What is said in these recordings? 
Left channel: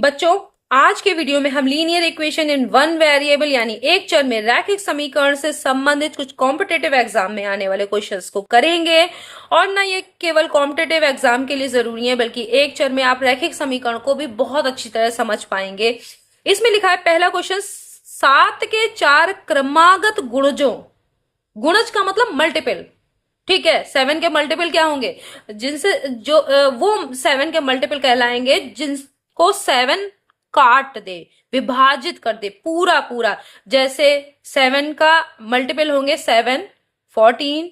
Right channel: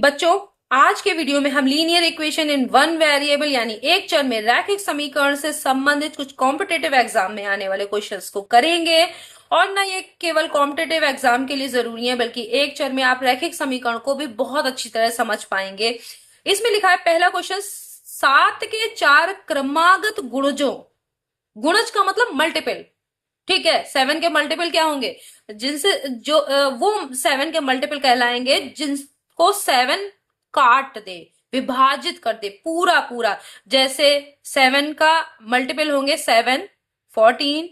बच्चों, आज के वीडियो में हम linear equation in one variable यानी एक चर में रैखिक समीकरण से संबंधित कुछ कॉम्पिटेटिव एग्जाम में आने वाले क्वेश्चंस को करेंगे। और ना ये केवल कॉम्पिटेटिव एग्जाम के लिए जरूरी है, बल्कि एक चर में आप रैखिक समीकरण को भी बहुत अच्छी तरह समझ पाएंगे। इसमें लिखा है पहला क्वेश्चन, 7 के 4 क्रमागत गुणजों, गुणज का मतलब मल्टीपल, ठीक है। 7 के मल्टीपल क्या होंगे, जिनसे जो वो 7 के मल्टीपल कहलाएंगे जिनको 7 काट दे, विभाजित कर दे पूरा पूरा। जैसे 7 का मल्टीपल होंगे 7, 14,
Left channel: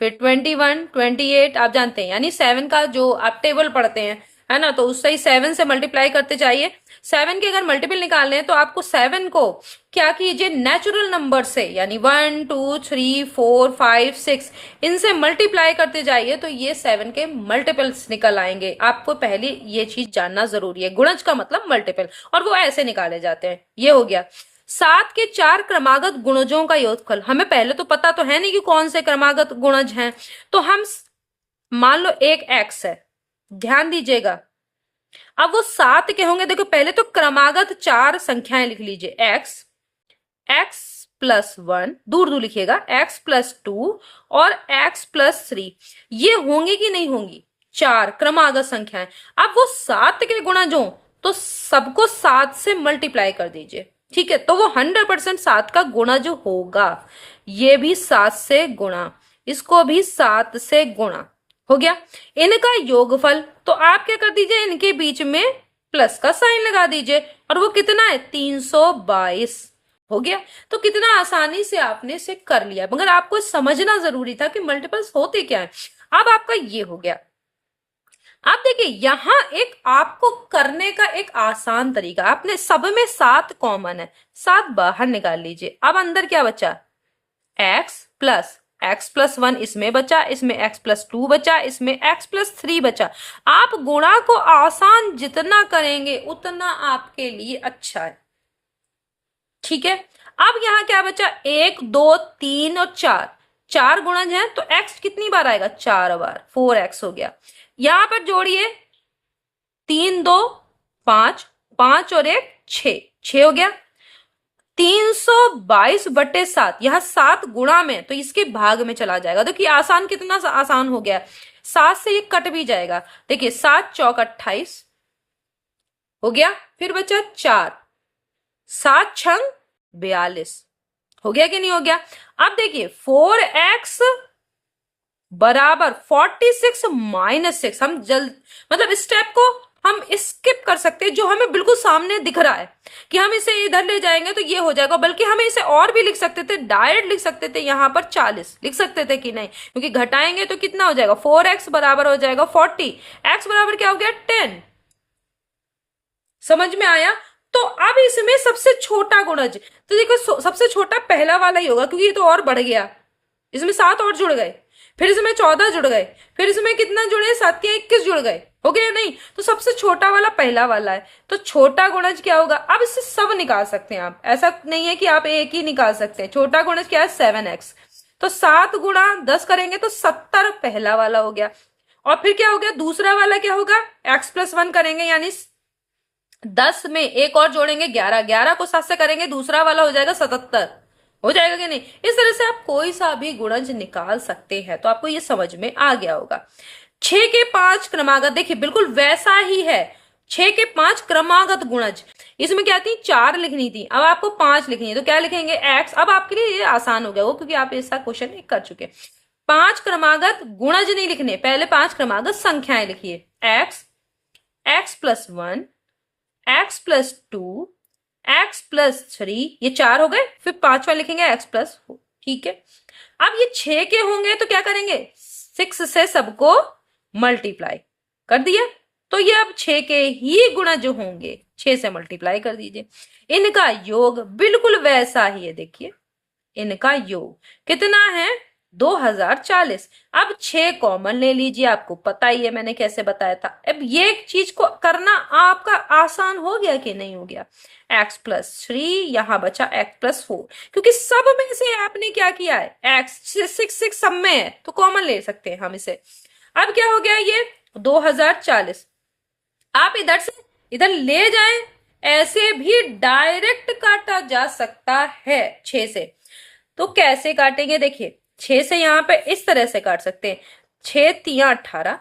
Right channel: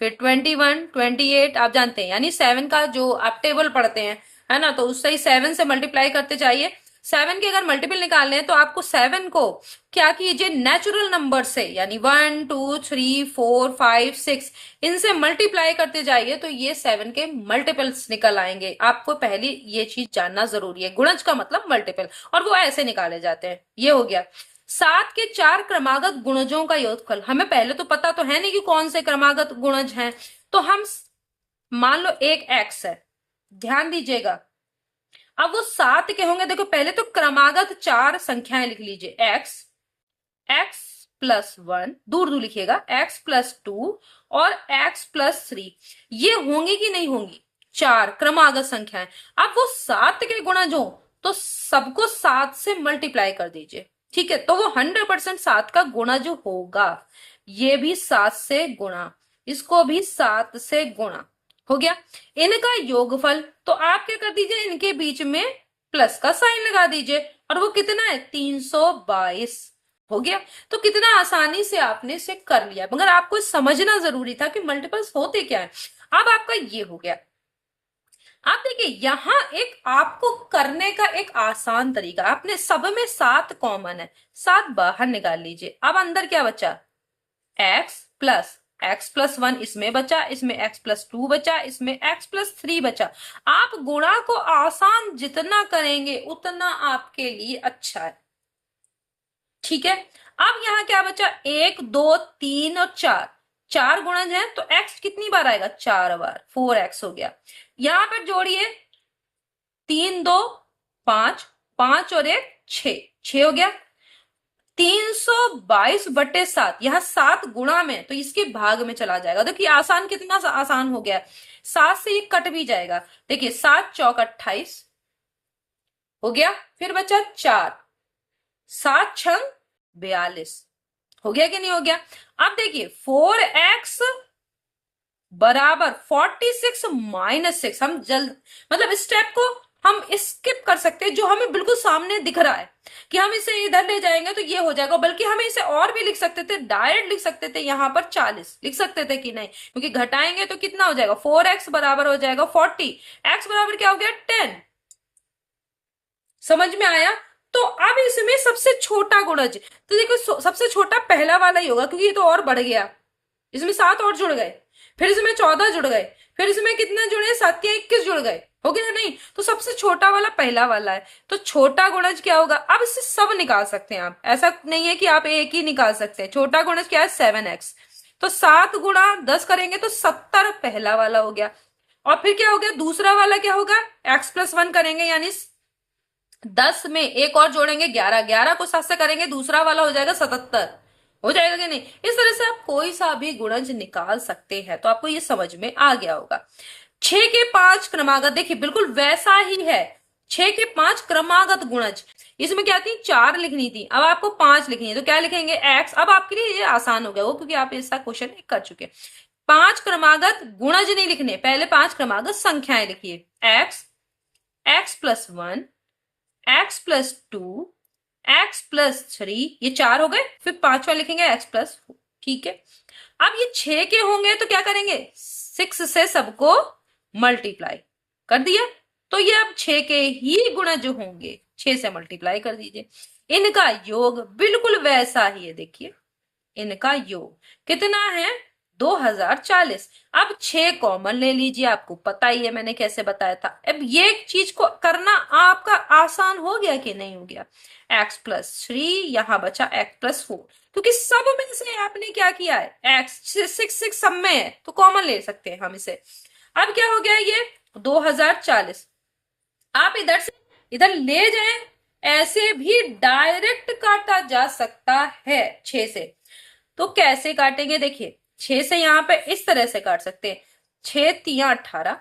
फिर 21, 28, आप जानते हैं। यानी 7 का जो आप टेबल पढ़ते हैं, है ना, तो उससे ही 7 से मल्टीप्लाई करते जाइए। 7 के अगर मल्टीपल निकालने हैं तो आपको 7 को क्या कीजिए, नेचुरल नंबर से, यानी 1, 2, 3, 4, 5, 6 इनसे मल्टीप्लाई करते जाइए तो ये 7 के मल्टीपल्स निकल आएंगे। आपको पहले ये चीज जानना जरूरी है, गुणज का मतलब मल्टीपल, और वो ऐसे निकाले जाते हैं। ये हो गया 7 के 4 क्रमागत गुणजों का योगफल। हमें पहले तो पता तो है नहीं कि कौन से क्रमागत गुणज हैं, तो हम मान लो एक x है, ध्यान दीजिएगा। अब वो 7 के होंगे, देखो पहले तो क्रमागत 4 संख्याएं लिख लीजिए, x प्लस 1, दूर दूर लिखिएगा, x प्लस 2 और x प्लस 3, ये होंगी कि नहीं होंगी, 4 क्रमागत संख्याएं। अब वो 7 के गुणज हो तो सबको 7 से मल्टीप्लाई कर दीजिए, ठीक है, तो वो 100% 7 का गुणज होगा। ये भी 7 से गुणा, इसको भी 7 से गुणा, हो गया इनका योगफल। तो आप क्या कर दीजिए, इनके बीच में प्लस का साइन लगा दीजिए, और वो कितना है, 322 हो गया। तो कितना आसानी से आपने इसे कर लिया, मगर आपको समझना जरूरी था कि मल्टीपल्स होते क्या है। अब आपका ये हो गया। अब देखिए यहां एक आपको करने का एक आसान तरीका, आपने सब में 7 कॉमन है, 7 बाहर निकाल लीजिए। अब अंदर क्या बचा, x प्लस 1 इसमें बचा, इसमें x प्लस 2 बचा, इसमें x प्लस 3 बचा। आप गुणा को आसान जितना करेंगे उतना आपके लिए अच्छा है, ठीक है। अब यहां क्या बचा, 1, 2, 3 और 4, 4 गुणज है तो x कितनी बार आएगा, 4 बार, 4x हो गया। यहां पर जोड़िए, 3, 2, 5, 5 और 1, 6, 6 हो गया। 322/7, यहां 7 गुणा में तो इसके भाग में चला जाएगा। देखिए आसान, कितना आसान हो गया, 7 से ये कट भी जाएगा। देखिए 7 चौक 28 हो गया, फिर बचा 4, 7 छंग 42, हो गया कि नहीं हो गया। अब देखिए 4x बराबर 46 माइनस 6, हम जल्द मतलब स्टेप को हम स्किप कर सकते हैं, जो हमें बिल्कुल सामने दिख रहा है कि हम इसे इधर ले जाएंगे तो ये हो जाएगा। बल्कि हमें इसे और भी लिख सकते थे, डायरेक्ट लिख सकते थे, यहां पर 40 लिख सकते थे कि नहीं, क्योंकि घटाएंगे तो कितना हो जाएगा, 4x बराबर हो जाएगा 40, x बराबर क्या हो गया, 10। समझ में आया। तो अब इसमें सबसे छोटा गुणज, तो देखो सबसे छोटा पहला वाला ही होगा, क्योंकि ये तो और बढ़ गया, इसमें 7 और जुड़ गए, फिर इसमें 14 जुड़ गए, फिर इसमें कितना जुड़े, 7 के 21 जुड़ गए, हो गया नहीं। तो सबसे छोटा वाला पहला वाला है, तो छोटा गुणज क्या होगा। अब इससे सब निकाल सकते हैं आप, ऐसा नहीं है कि आप एक ही निकाल सकते हैं। छोटा गुणज क्या है, 7x, तो 7 गुणा 10 करेंगे तो 70 पहला वाला हो गया। और फिर क्या हो गया, दूसरा वाला क्या होगा, x प्लस 1 करेंगे, यानी 10 में एक और जोड़ेंगे 11, 11 को 7 से करेंगे, दूसरा वाला हो जाएगा 77, हो जाएगा कि नहीं। इस तरह से आप कोई सा भी गुणज निकाल सकते हैं। तो आपको ये समझ में आ गया होगा। 6 के 5 क्रमागत, देखिए बिल्कुल वैसा ही है, 6 के 5 क्रमागत गुणज। इसमें क्या थी, 4 लिखनी थी, अब आपको 5 लिखनी है, तो क्या लिखेंगे, x। अब आपके लिए ये आसान हो गया वो, क्योंकि आप ऐसा क्वेश्चन कर चुके। 5 क्रमागत गुणज नहीं लिखने, पहले 5 क्रमागत संख्याएं लिखिए, x plus 1, x plus 2, x plus 3, ये 4 हो गए, फिर 5वां लिखेंगे x प्लस 4, ठीक है। अब ये 6 के होंगे तो क्या करेंगे, 6 से सबको मल्टीप्लाई कर दिया, तो ये अब 6 के ही गुणा जो होंगे 6 से मल्टीप्लाई कर दीजिए। इनका योग बिल्कुल वैसा ही है, देखिए इनका योग कितना है, 2040। अब 6 कॉमन ले लीजिए, आपको पता ही है मैंने कैसे बताया था। अब ये चीज को करना आपका आसान हो गया कि नहीं हो गया, x प्लस 3, यहां बचा x प्लस 4, क्योंकि सब में से आपने क्या किया है, x 6 सब में है तो कॉमन ले सकते हैं हम इसे। अब क्या हो गया, ये 2040, आप इधर से इधर ले जाएं, ऐसे भी डायरेक्ट काटा जा सकता है 6 से। तो कैसे काटेंगे, देखिए 6 से यहां पे इस तरह से काट सकते हैं, 6 तिया 18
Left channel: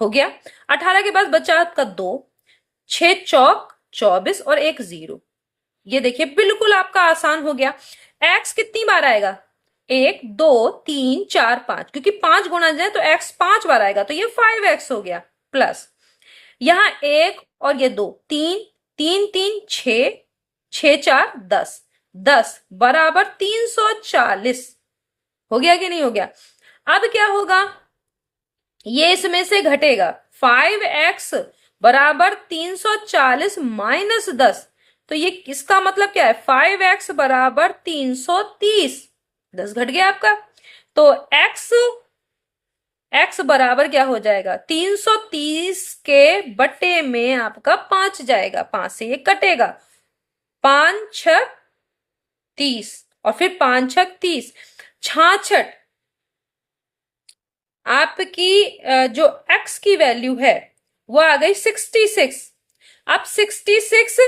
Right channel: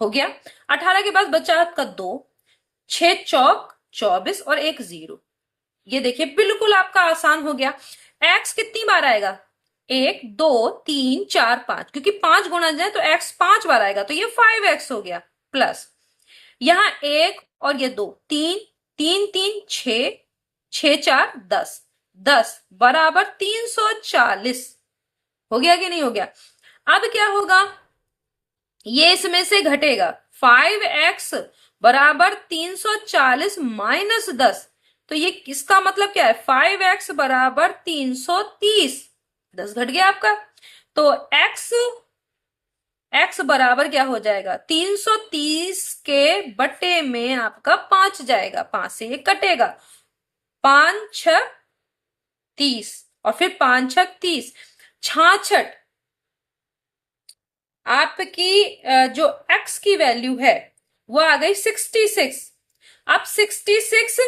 हो गया। 18 के बाद बचा आपका 2, 6 चौक 24 और एक 0। ये देखिए बिल्कुल आपका आसान हो गया। एक्स कितनी बार आएगा, 1 2 3 4 5, क्योंकि 5 गुणा जाए तो एक्स 5 बार आएगा, तो ये 5x हो गया। प्लस यहां 1 और ये 2, 3 3 3 6, 6 4 10, 10 बराबर 340 हो गया कि नहीं हो गया। अब क्या होगा, ये इसमें से घटेगा, 5x बराबर 340 माइनस 10, तो ये किसका मतलब क्या है, 5x बराबर 330, 10 घट गया आपका। तो x बराबर क्या हो जाएगा, 330 के बटे में आपका 5 जाएगा, 5 से ये कटेगा, 5 6 30 और फिर 5 6 30, 66 आपकी जो x की वैल्यू है वो आ गई 66। अब 66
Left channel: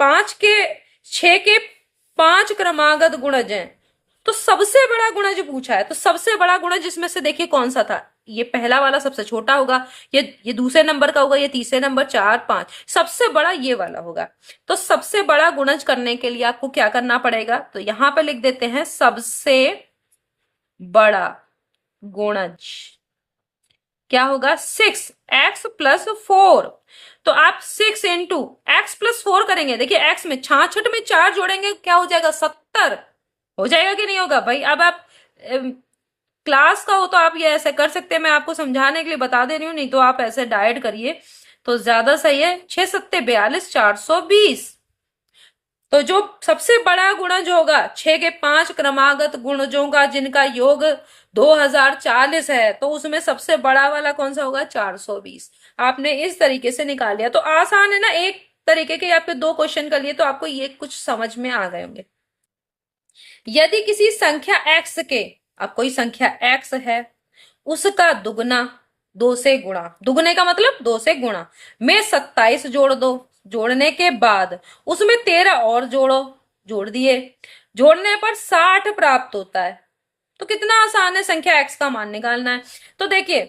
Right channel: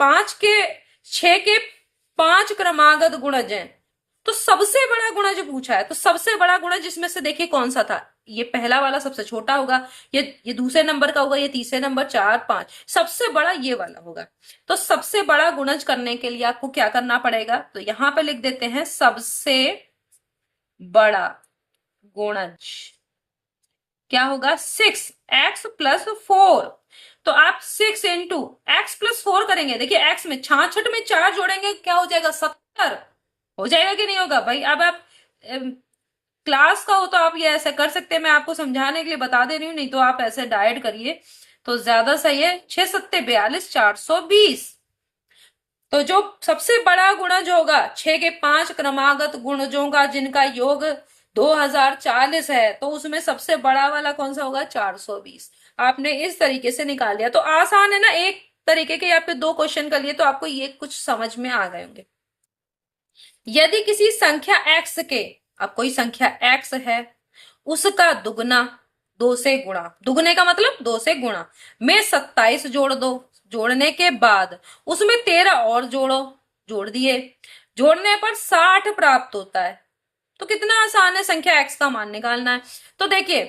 5 के 6 के 5 क्रमागत गुणज हैं, तो सबसे बड़ा गुणज जो पूछा है, तो सबसे बड़ा गुणज जिसमें से देखिए कौन सा था, ये पहला वाला सबसे छोटा होगा, ये दूसरे नंबर का होगा, ये तीसरे नंबर 4 5, सबसे बड़ा ये वाला होगा। तो सबसे बड़ा गुणज करने के लिए आपको क्या करना पड़ेगा, तो यहां पर लिख देते हैं सबसे बड़ा गुणज क्या होगा, 6x प्लस 4। तो आप 6 इंटू एक्स प्लस 4 करेंगे, देखिए x में 66 में 4 जोड़ेंगे क्या हो जाएगा, 70 हो जाएगा कि नहीं होगा भाई। अब आप क्लास का हो तो आप ये ऐसे कर सकते हैं, मैं आपको समझाने के लिए बता दे रही हूं, नहीं तो आप ऐसे डायरेक्ट करिए तो ज्यादा सही है। 6 सत्ते 42, 420। तो जो सबसे बड़ा गुणज होगा 6 के 5 क्रमागत गुणजों का जिनका योग 2040 है, तो उसमें सबसे बड़ा वाला कौन सा होगा, 420। आपने इस तरीके से निकाल लिया, तो आसान है ना, एक तरीके के आपके 2 क्वेश्चन कर लिए, तो आपको ये कुछ समझ में आ गए होंगे। यदि किसी संख्या x के, अब कोई संख्या x है, उसका दुगना 2 से गुणा, दुगने का मतलब 2 से गुणा में 27 जोड़ दो, जोड़ने के बाद उसमें 13 और जोड़ो, जोड़ दिए, जोड़ने पर 60 प्राप्त होता है। तो कितना आसान है संख्या x का मान निकालना है। तो देखिए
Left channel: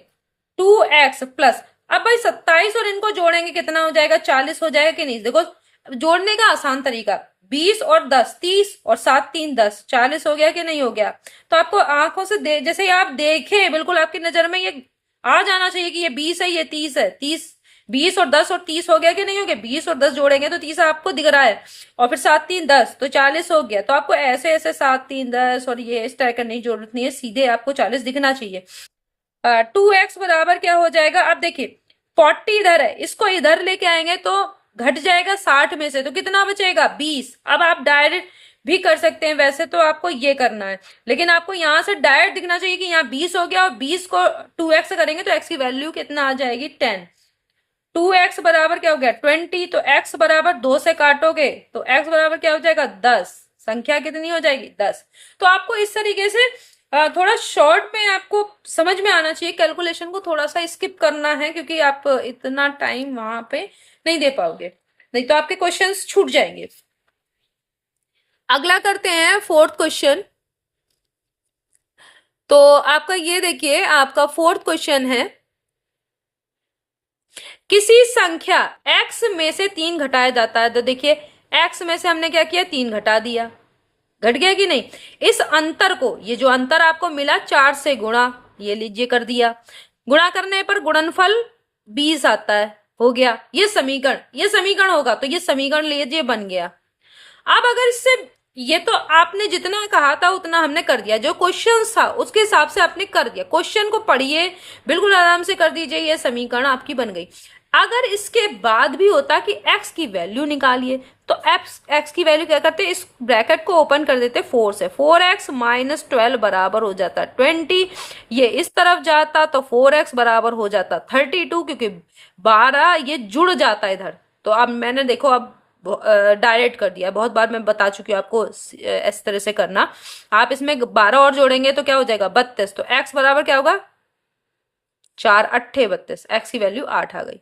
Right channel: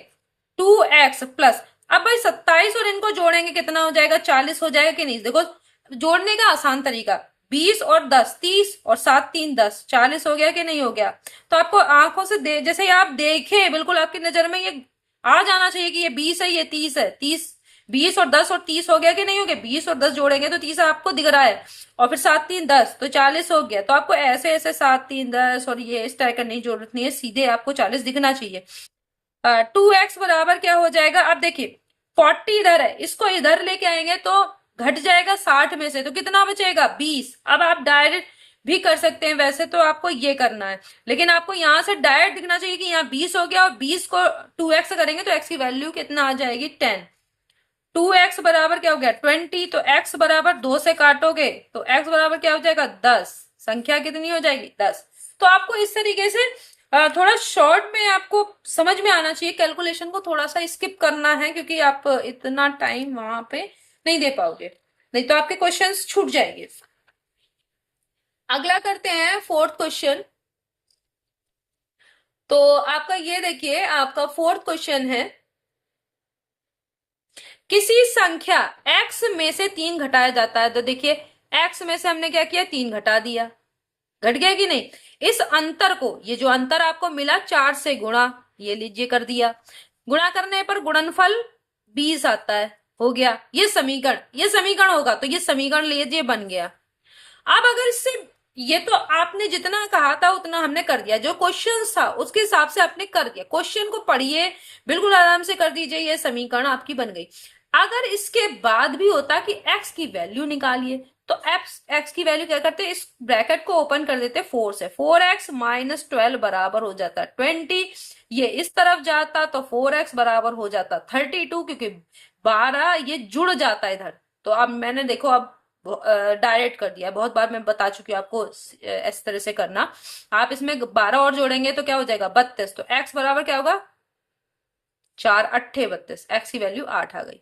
2x प्लस, अब भाई 27 और इनको जोड़ेंगे कितना हो जाएगा, 40 हो जाएगा कि नहीं। देखो जोड़ने का आसान तरीका, 20 और 10 30 और 7 3 10, 40 हो गया कि नहीं हो गया। तो आपको आंखों से जैसे आप देखे बिल्कुल आपकी नजर में ये आ जाना चाहिए कि ये 20 है, ये 30 है, 30 20 और 10 और 30 हो गया कि नहीं हो गया। 20 और 10 जोड़ेंगे तो 30 आपको दिख रहा है, और फिर 7 3 10 तो 40 हो गया। तो आपको ऐसे ऐसे 7 3 10 और ये इस तरह करने की जरूरत नहीं है, सीधे आपको 40 दिखना चाहिए। 2x बराबर क्या हो जाएगा, अब देखिए 40 इधर है, इसको इधर लेके आएंगे तो घट जाएगा 60 में से, तो कितना बचेगा 20। अब आप डायरेक्ट भी कर सकते हैं, वैसे तो आपको ये करना है, लेकिन आपको यहां से डायरेक्ट दिखना चाहिए कि यहाँ 20 हो गया, और 20 को 2x करेंगे तो x की वैल्यू कितना आ जाएगी 10। 2x बराबर क्या हो गया 20, तो x बराबर 2 से काटोगे तो x बराबर क्या हो जाएगा 10, संख्या कितनी हो जाएगी 10। तो आपको इस तरीके से थोड़ा शॉर्ट में आपको समझ में आना चाहिए, कैलकुलेशन को थोड़ा सा स्किप करना है, क्योंकि आप इतना टाइम वहां पे नहीं दे पाओगे, नहीं तो आपके क्वेश्चंस छूट जाएंगे। अगला करते हैं 4th क्वेश्चन। तो आपका ये देखिए, आपका 4th क्वेश्चन है, किसी संख्या x में से 3 घटाया जाता है। तो देखिए x में से हमने क्या किया, 3 घटा दिया, घट गया कि नहीं। इस अंतर को, ये जो अंतर आपको मिला 4 से गुणा, ये लीजिए कर दिया, गुणा करने पर गुणनफल 20 आता है, हो गया। ये समीकरण होगा, तो ये समीकरण लीजिए बन गया। अब अगर इससे, ये तो आपने जितना कहा था उतना हमने कर दिया, जो क्वेश्चन था उसके हिसाब से आपने कर दिया। क्वेश्चन को पढ़िए, बिल्कुल आराम से कर दीजिए, ये समीकरण आपकी बन गई। अगर इसके बाद भी होता कि x की वैल्यू निकालिए, तो x की वैल्यू क्या करते हैं, इस ब्रैकेट को ओपन कर देते 4 से, 4x माइनस 12 बराबर हो जाता 20। ये इस तरफ जाता तो 4x बराबर हो जाता 32, क्योंकि 12 ये जुड़ जाता इधर। तो अब मैंने देखो अब डायरेक्ट कर दिया, बहुत बार मैं बता चुकी हूँ आपको इस तरह से करना। आप इसमें 12 और जोड़ेंगे तो क्या हो जाएगा 32, तो x बराबर क्या होगा 4 8 32, x की वैल्यू 8 आ गई।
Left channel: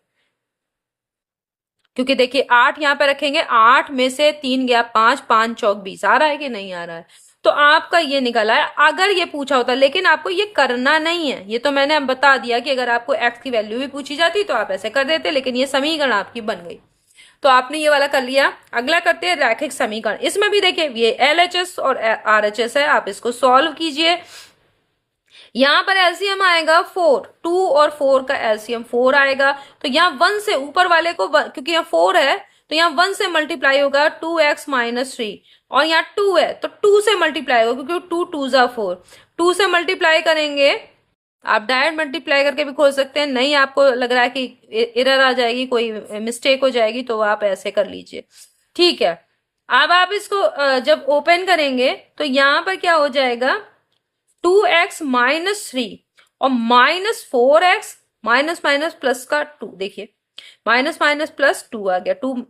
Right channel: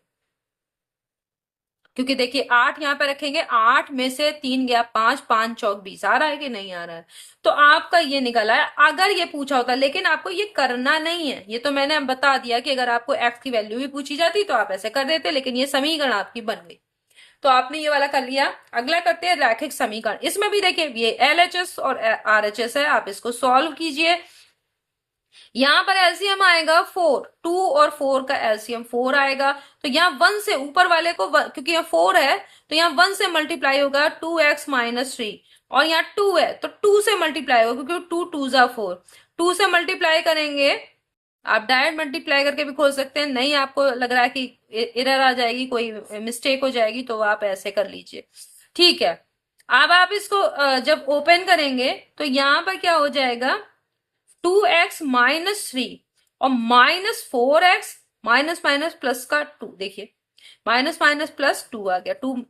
क्योंकि देखिए 8 यहाँ पे रखेंगे, 8 में से 3 गया 5, 5 चौक 20, आ रहा है कि नहीं आ रहा है? तो आपका ये निकला है। अगर ये पूछा होता, लेकिन आपको ये करना नहीं है, ये तो मैंने बता दिया कि अगर आपको x की वैल्यू भी पूछी जाती तो आप ऐसे कर देते, लेकिन ये समीकरण आपकी बन गई। तो आपने ये वाला कर लिया। अगला करते हैं रैखिक समीकरण। इसमें भी देखिए ये LHS और RHS है, आप इसको सॉल्व कीजिए। यहां पर एलसीएम आएगा 4, 2 और 4 का एलसीएम 4 आएगा। तो यहाँ 1 से ऊपर वाले को क्योंकि यहाँ 4 है तो यहाँ 1 से मल्टीप्लाई होगा 2x-3, और यहाँ 2 है तो 2 से मल्टीप्लाई होगा क्योंकि 2 2 जा 4, 2 से मल्टीप्लाई करेंगे। आप डायरेक्ट मल्टीप्लाई करके भी खोल सकते हैं, नहीं आपको लग रहा है कि एरर आ जाएगी, कोई मिस्टेक हो जाएगी, तो आप ऐसे कर लीजिए। ठीक है, अब आप इसको जब ओपन करेंगे तो यहां पर क्या हो जाएगा, 2x-3 और -4x, माइनस माइनस प्लस का 2, देखिए माइनस माइनस प्लस 2 आ गया, 2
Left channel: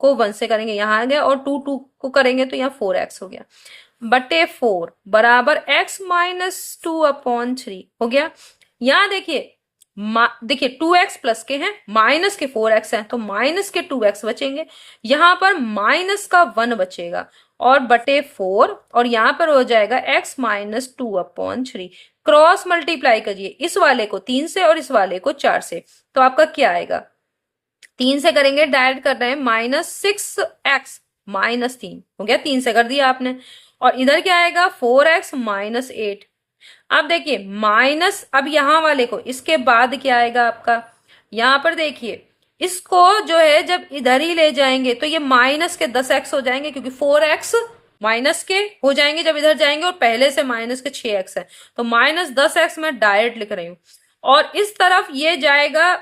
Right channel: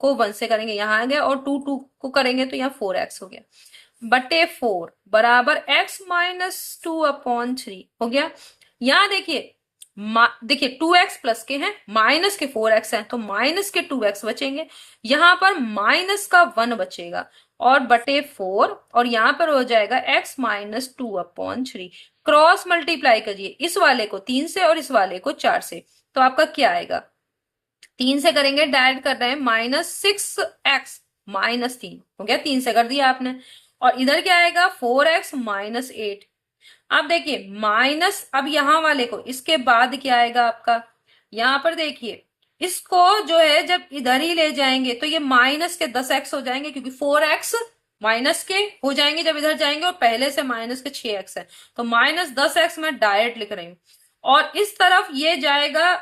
को 1 से करेंगे यहाँ आ गया, और 2 2 को करेंगे तो यहाँ 4x हो गया, बटे 4 बराबर x-2/3 हो गया। यहाँ देखिए देखिए 2x प्लस के हैं, माइनस के 4x हैं, तो माइनस के 2x बचेंगे, यहां पर माइनस का 1 बचेगा, और बटे 4, और यहां पर हो जाएगा x-2/3। क्रॉस मल्टीप्लाई करिए, इस वाले को 3 से और इस वाले को 4 से, तो आपका क्या आएगा, 3 से करेंगे, डायरेक्ट कर रहे हैं, -6x-3 हो गया, 3 से कर दिया आपने, और इधर क्या आएगा 4x-8। अब देखिए माइनस, अब यहां वाले को, इसके बाद क्या आएगा आपका, यहां पर देखिए इसको जो है जब इधर ही ले जाएंगे तो ये माइनस के 10x हो जाएंगे, क्योंकि 4x माइनस के हो जाएंगे जब इधर जाएंगे, और पहले से माइनस के 6x है, तो -10x मैं डायरेक्ट लिख रही हूं। और इस तरफ ये जाएगा,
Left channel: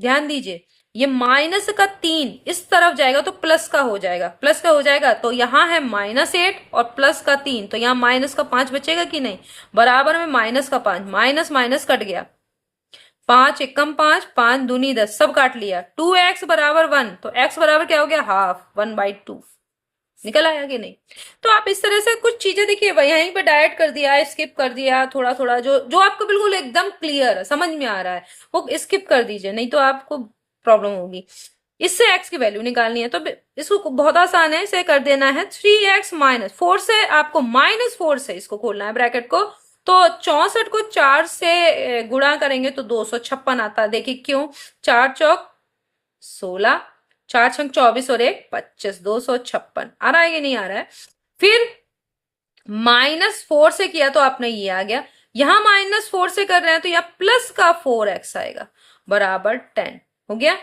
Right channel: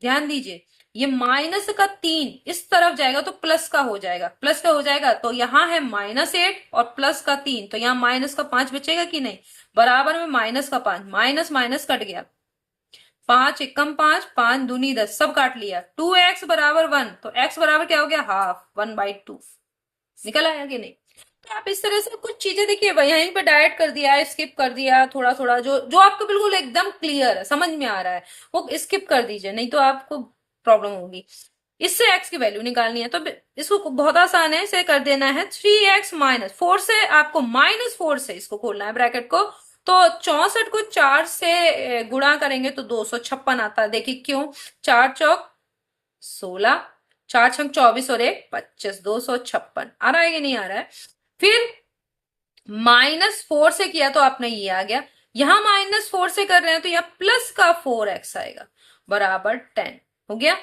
ध्यान दीजिए, ये -3 इस तरफ जाएगा तो प्लस का हो जाएगा, प्लस का हो जाएगा, तो यहाँ है -8 और प्लस का 3, तो यहाँ माइनस का 5 बचेगा कि नहीं, बराबर में माइनस का 5, माइनस माइनस कट गया, 5 एकम 5, 5 दूनी 10, सब काट लिया, 2x बराबर 1, तो x बराबर क्या हो गया, हाफ, 1/2 निकल आया कि नहीं। तो आप इस तरह से कुछ चीजें देखिए, यहीं पे डायरेक्ट कर दिया, स्किप कर दिया, थोड़ा थोड़ा जो जो आपको बिल्कुल एकदम क्लियर है, समझ में आ रहा है, वो स्किप कर दीजिए, नहीं तो आपको प्रॉब्लम होगी। इससे x की वैल्यू निकालनी है, तो इसको बहुत आसान है, इसे कर देना है 3x-4 से, आपको -4 से इसको खोलना है ब्रैकेट को, तो 64 को 4 से गुणा करेंगे तो 256 आता है। देखिए क्यों, 4 चौक 16, 4 छंक 24 और 1 25, 256 आ रहा है कि नहीं आ रहा है। फिर -4 से किया तो आपने ये आ गया, यहां -4 से कर रहे हैं तो यहाँ प्लस का 4x आएगा, बराबर 10 हो गया।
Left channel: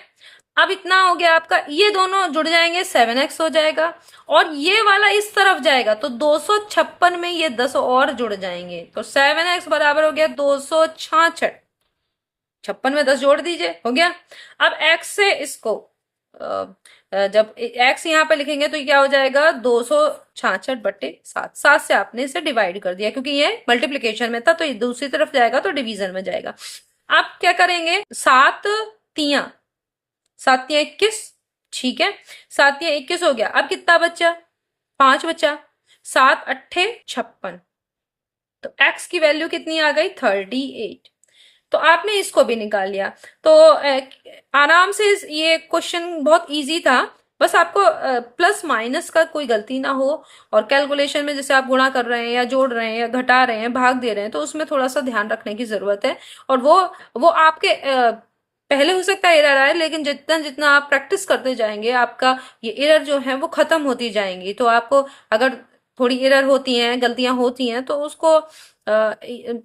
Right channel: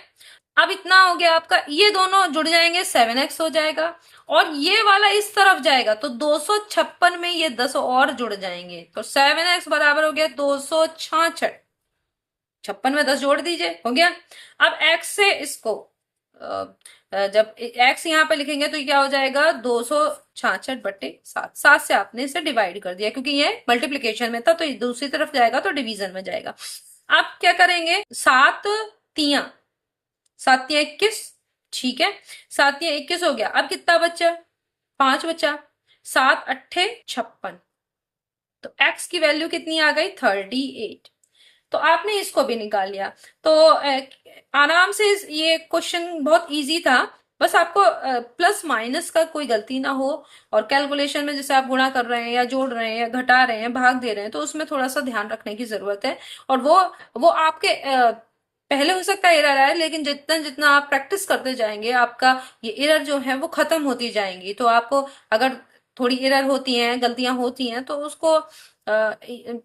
अब इतना हो गया आपका, ये दोनों जुड़ जाएंगे 7x हो जाएगा, और ये वाला इस तरफ जाएगा तो 256 में ये 10 और जुड़ जाएंगे, तो 7x बराबर हो गया 266, 56 में 10 जोड़ दीजिए, हो गया। अब x से इसको जब x यहाँ पे लिखेंगे तो क्या हो जाएगा, 266/7, 7 से आपने इसे डिवाइड कर दिया, क्योंकि ये मल्टीप्लीकेशन में था, तो ये दूसरी तरफ जाएगा तो डिवीजन में जाएगा। आप क्या करेंगे, 7 तिया 21, ठीक है, 7 तिया 21 हो गया। अब कितना बचा, 5 बचा, 7 8 56, तो x की वैल्यू कितनी आ गई, 38। तो आपने इसको भी निकाल लिया, तो आराम से ये क्वेश्चन बहुत इजी था, बस आपको प्लस माइनस का कोई गलती ना हो, और कैलकुलेशन में जैसे आप गुणा कर रहे हैं या जोड़ रहे हैं या घटा रहे हैं, भाग दे रहे हैं, तो उसमें थोड़ा सा ध्यान रखने की जरूरत है। और वो आपके पहले हो सकता है एरर आए, लेकिन जितना जितना आप प्रैक्टिस करते जाएंगे आपका ये एरर जो है वो खत्म होती जाएंगी। तो आपको अगर थोड़ी एरर होती हैं, गलतियां होती हैं, तो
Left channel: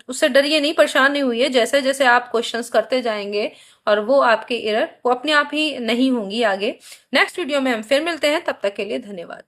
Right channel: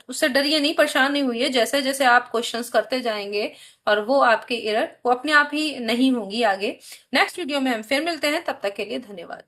उससे डरिए नहीं, परेशान नहीं हुई है, जैसे जैसे आप क्वेश्चंस करते जाएंगे और वो आपके एरर वो अपने आप ही नहीं होंगी आगे। नेक्स्ट वीडियो में हम फिर मिलते हैं, तब तक के लिए धन्यवाद।